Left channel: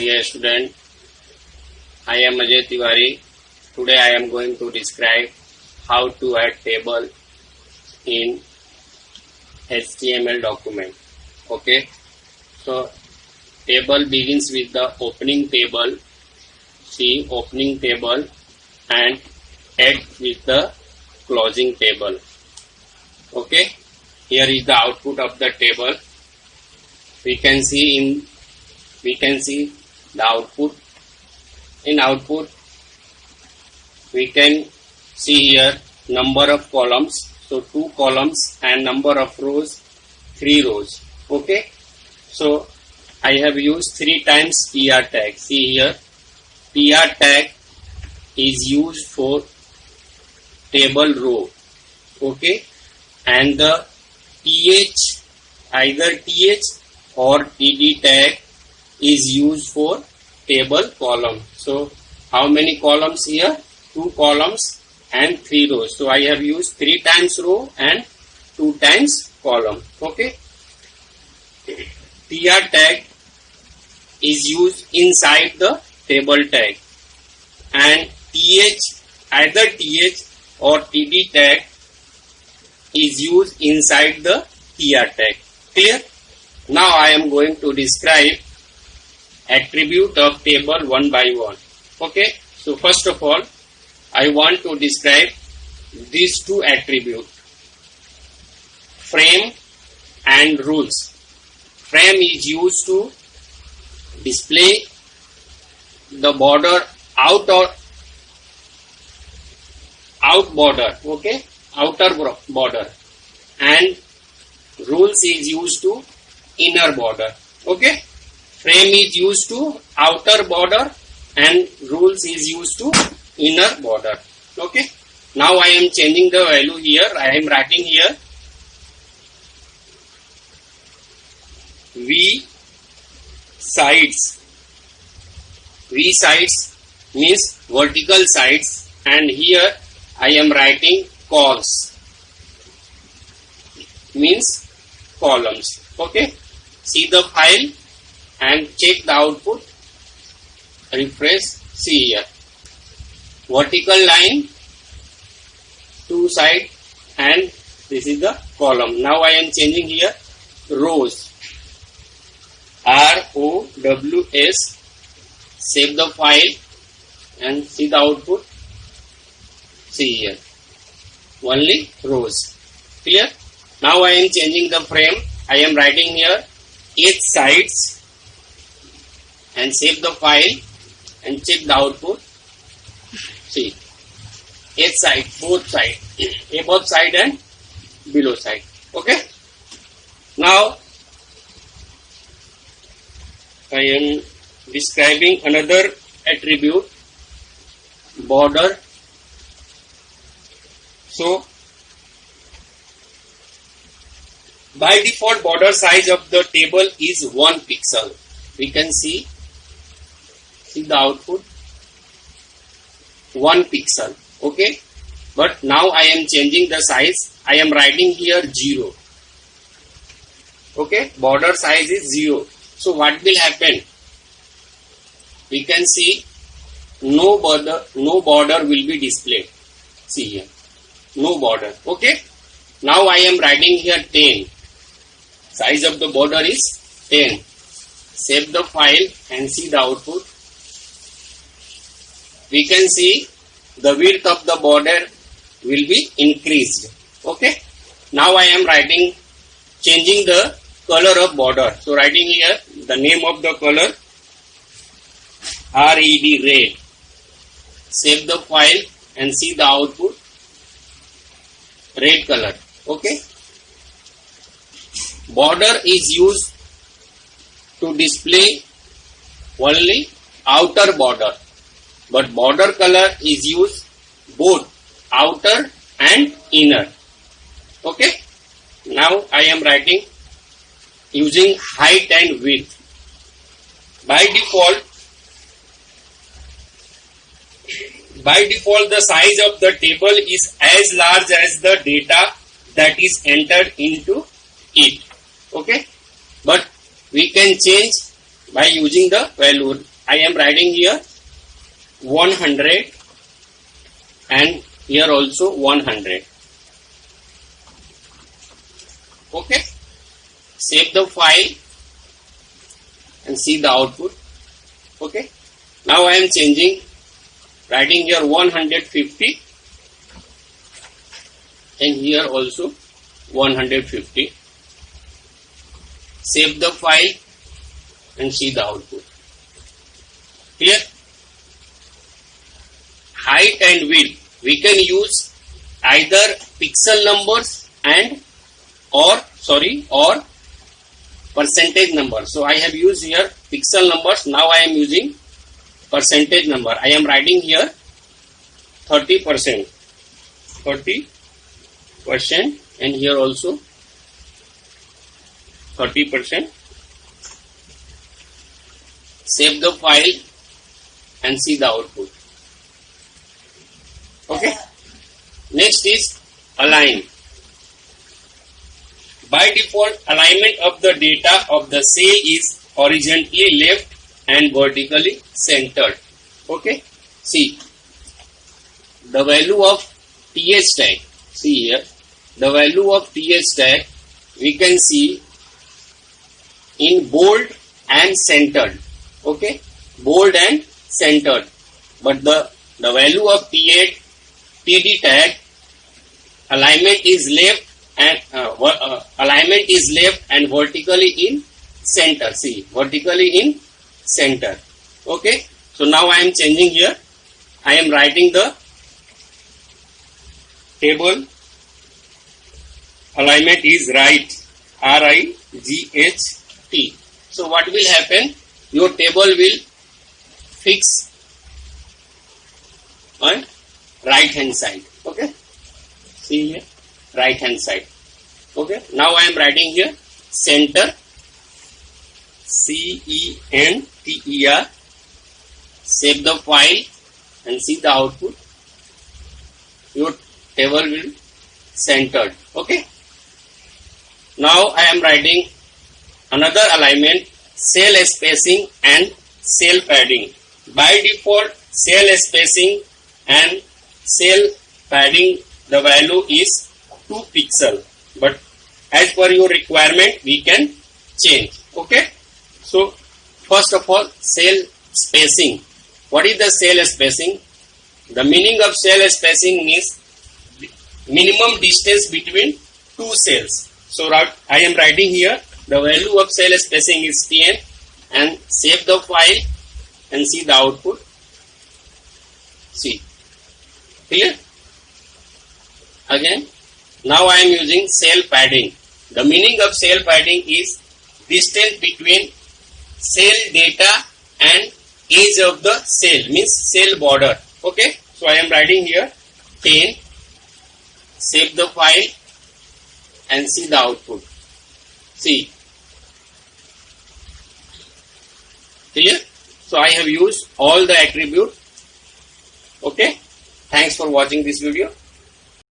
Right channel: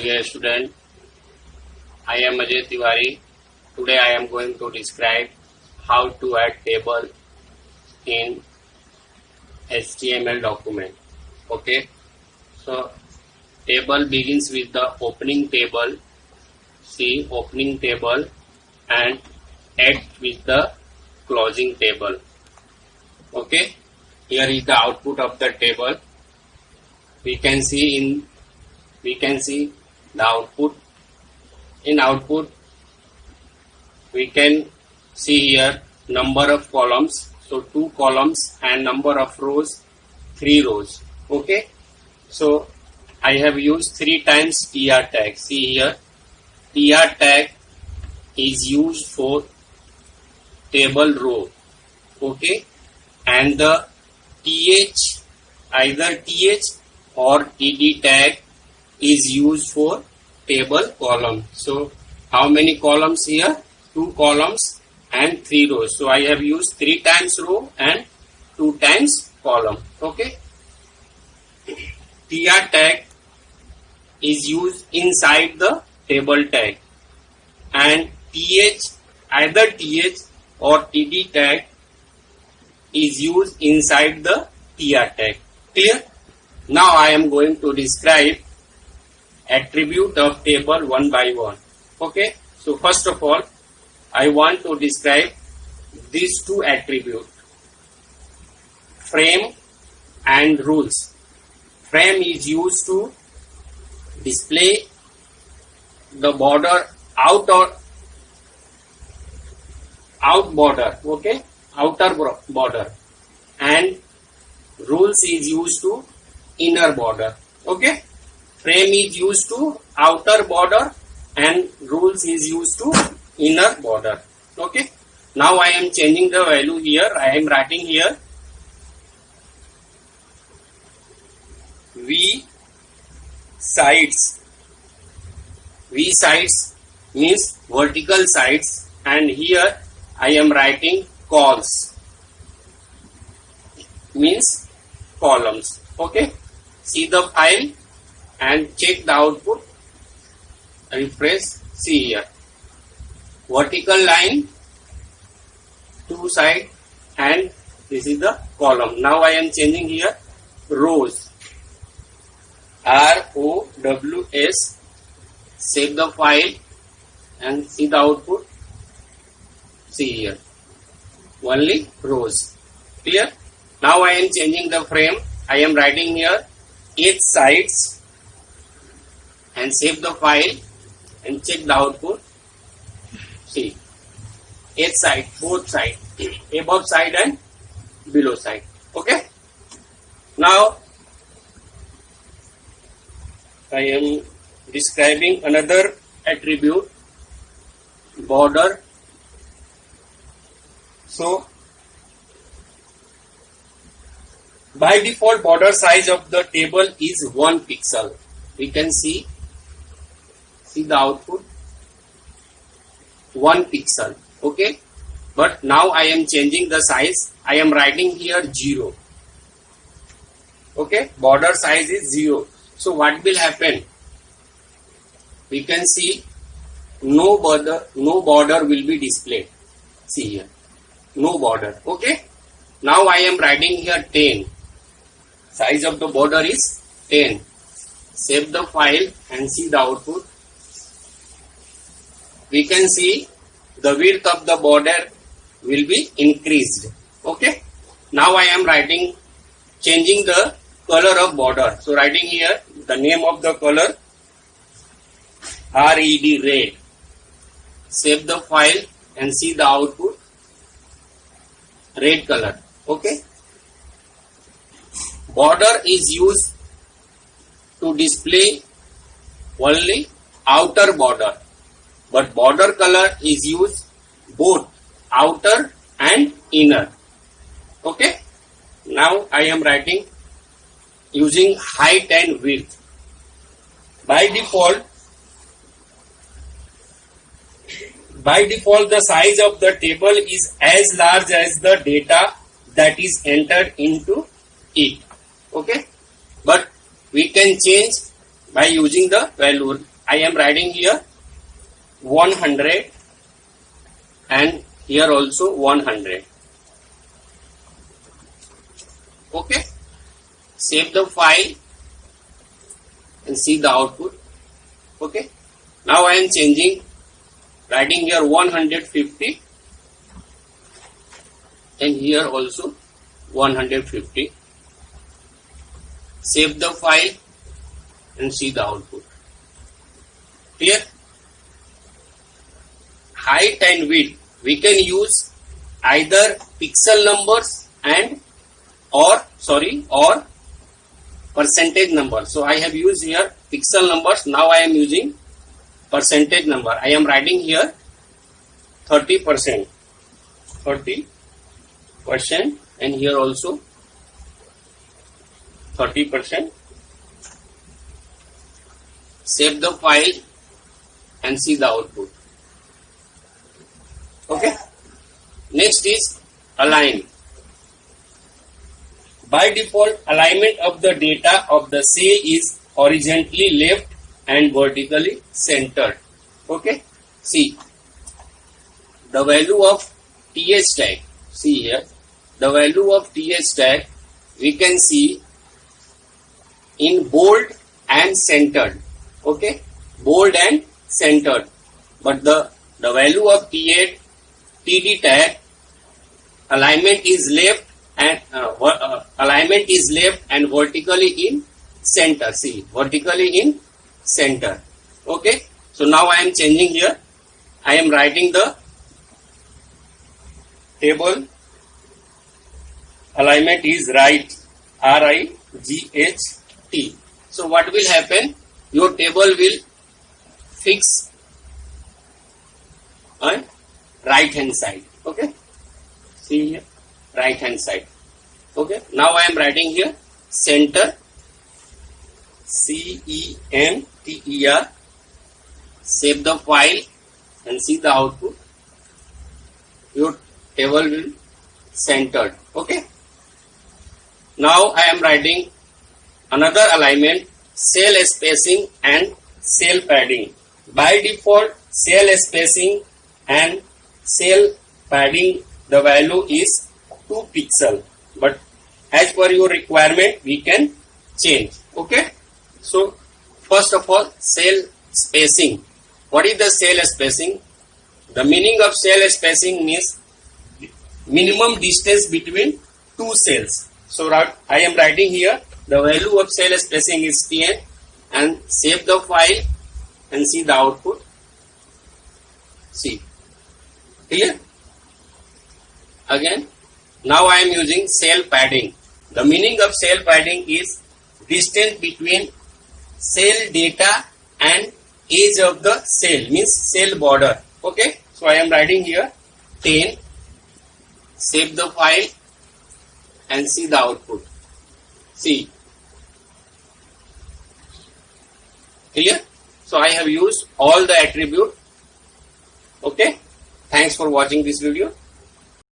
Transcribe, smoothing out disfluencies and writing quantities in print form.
Dear student, I am Ajay Tiwari. Today I am going to describe how to add table in HTML document. Okay, so table begins with the opening table. See opening table and add with the closing table. Okay, here is the output of the table. We can see the output. In output we can see here number of columns, so 2 columns, and number of rows, 3 rows. Okay, so I have used 3 times tr tag. See here, tr tag is used for table row. Okay, and the either th or td tag is used for table column. So how many columns here? 2 columns and 3 rows. So I have used 3 times row and 2 times column. Okay, tr tag is used inside the table tag, and either th or td tag is used inside the tr tag. Clear? Now I am going to describe attribute of table one by one. Okay, so first of all I want to describe these 2 attributes, frame and rules. Frame is used to display the border out border, okay, outer border, and rules is used to inner border. Okay, frame is used to outer border and rules is used to inner border. Okay, now I am changing the value here. I am writing here v sides. V sides means vertical sides, and here I am writing cols means columns. Okay, see the file and check the output. Refresh. See here, vertical line 2 side, and this is the column. Now I am changing here rows, ROWS. Save the file and see the output. See here, only rows. Clear? Now I am changing the frame. I am writing here 8 sides, and save the file and check the output. See, 8 side, both side, above side and below side. Okay, now I am describing another attribute, border. So by default border size of the table is 1 pixel. We can see the output, 1 pixel. Okay, but now I am changing the size. I am writing here 0. Okay, border size is 0. So what will happen? We can see no border will be displayed. See here, no border. Okay, now I am writing here 10. Size of the border is 10. Save the file and see the output. We can see the width of the border will be increased. Okay, now I am changing the color of border. So writing here the name of the color, red, red. Save the file and see the output, red color. Okay, border is used to display only outer border, but border color is used both outer and inner. Okay, now I am writing using height and width. By default the size of the table is as large as the data that is entered into it. Okay, but we can change by using the value. I am writing here 100 and here also 100. Okay, save the file and see the output. Okay, now I am changing, writing here 150 and here also 150. Save the file and see the output. Clear? Height and width, we can use either pixel numbers and or percentage number. So I have used here pixel numbers. Now I am using percentage number. I am writing here 30%, 30%, and here also 30%. Save the file and see the output. Okay. Next is align. By default, alignment of the data of the cell is horizontally left and vertically centered. Okay. See the value of TH tag. See here, the value of TH tag we can see in bold and centered. Okay, bold and centered. But the value of TD tag alignment is left and vertically in center. See, vertically in center. Okay, so now I am changing here. I am writing the table alignment is right, RIGHT. So what will happen? Your table will fix on right hand side. Okay, see here, right hand side. Okay, now I am writing here center, CENTER. Save the file and see the output. Your table will centered. Okay, now I am writing another alignment, cell spacing and cell padding. By default, cell spacing and cell padding, the value is 2 pixel, but as per your requirement we can change. Okay, so first of all, cell spacing. What is the cell spacing? The meaning of cell spacing is minimum distance between 2 cells. So I am writing here the value of cell spacing is 10 and save the file and see the output. See, clear? Again, now I am using cell padding. The meaning of cell padding is distance between cell data and edge of the cell, means cell border. Okay, so I am writing here 10. Save the file and see the output. See, clear? So I have used all the attribute. Okay, thanks for watching this video.